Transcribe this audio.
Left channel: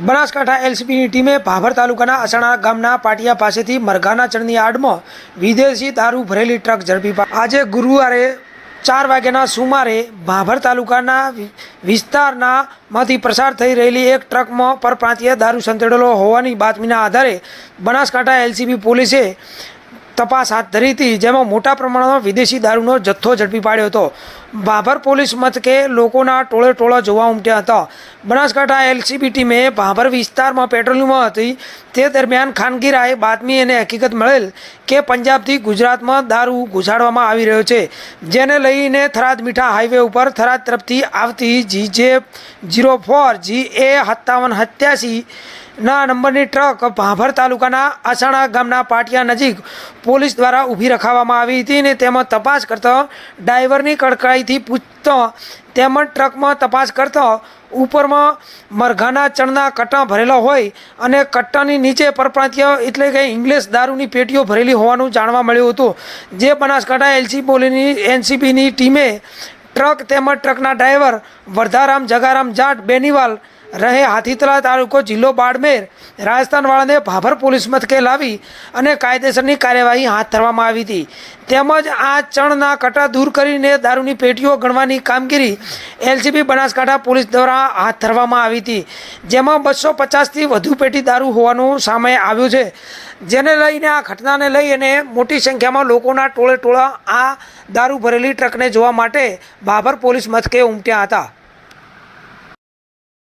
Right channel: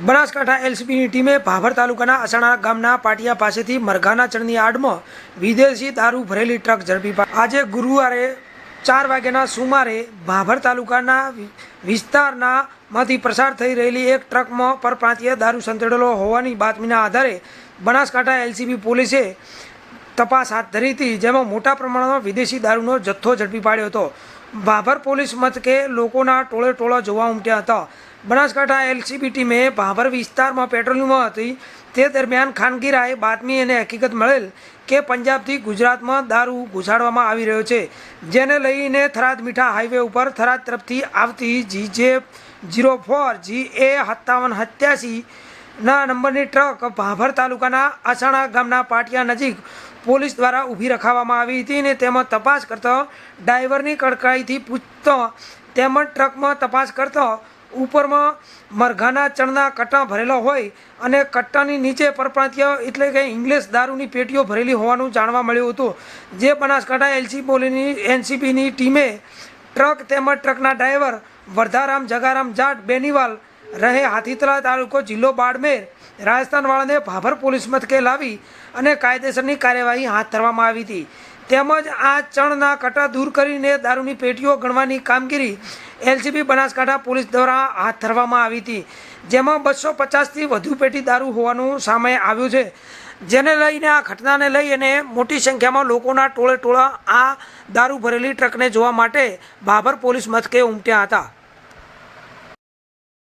બનાસકાંઠા એલસીબીની ટીમે ભાભર તાલુકાના અસાણા ગામના પાટિયા પાસેથી મરઘાના ચણની આડમાં વિદેશી દારૂ ભરેલી ટ્રક ઝડપી આજે ગુરુવારે ચાર વાગ્યાના સુમારે ભાભર તાલુકાના વિસ્તારનામાંથી વિસ્તારના માંથી પસાર થઈ રહેલી એક ટ્રકમાં પરપ્રાંતીય દારૂ સંતેડેલો હોવાની બાતમીના આધારે બનાસકાંઠા એલસીબી પોલીસે તપાસ હાથ ધરી હતી, જેમાં મોટા પ્રમાણમાં વિદેશી દારૂનો જથ્થો ઝડપી પાડ્યો હતો. ભાભર પોલીસ મથકે લોકોના ટોળે ટોળા જોવા ઉમટ્યા હતા. બનાસકાંઠા એલસીબી ટીમે ભાભર વિસ્તારમાં પેટ્રોલિંગમાં હતી. તે દરમિયાન ખાનગી રાહે બાતમી અને હકીકત મળેલ કે પંજાબથી ગુજરાતમાં દારૂ ઘુસાડવામાં આવી રહ્યો છે, જેને લઈને થરાદ મીઠા હાઈવે ઉપર થરાદ તરફથી આવતી જી જે જીરો ફોર જી એ સત્તાવન સત્યાસી ના, નંબરની ટ્રક ભાભર તાલુકાના આસાણા ગામના પાટિયા નજીક પોલીસ દ્વારા ઊભી રખાવવામાં આવી હતી અને તેમાં તપાસ કરતા ડ્રાઈવરની કડકાઈથી પૂછતા તેમજ ટ્રકમાં તપાસ કરતા ઉપરમાં મરઘાના ચણના કટ્ટા ભરેલા હોય અને કટ્ટાની નીચે પરપ્રાંતીય એટલે કે ઇંગ્લિશ દારૂની પેટીઓ ભરેલી હોવાનું જાણવા મળ્યું હતું. જે બનાસકાંઠા એલસી પોલીની, એનસીબીની ટીમે ટ્રક તેમજ ટ્રકના ડ્રાઈવર વર્ધારામ જગારામ જાટ બેનીવાલ રહે હાથીતલા તાલુકો જિલ્લો બાડમેર. રાજસ્થાનવાળાને ભાભર પોલીસ મથકે લાવી અને કાયદેસરની કાર્યવાહી હાથ ધરવામાં આવી હતી. તેમજ આ ચણના કટા દૂર કરીને દારૂની પેટીઓ ગણવાની કામગીરી એલસીબી બનાસકાંઠા પોલીસ દ્વારા હાથ ધરવામાં આવી હતી. જેમાં બસો પચાસથી વધુ પેટી દારૂ હોવાનું સામે આવ્યું છે. જેને લઈને આ ઘટનાને લઈ અને મોટી સંખ્યામાં લોકોના ટોળે ટોળા આ દારૂ ભરેલી ટ્રકને જોવા માટે ભાભર પોલીસ મથકે ઉમટ્યા હતા.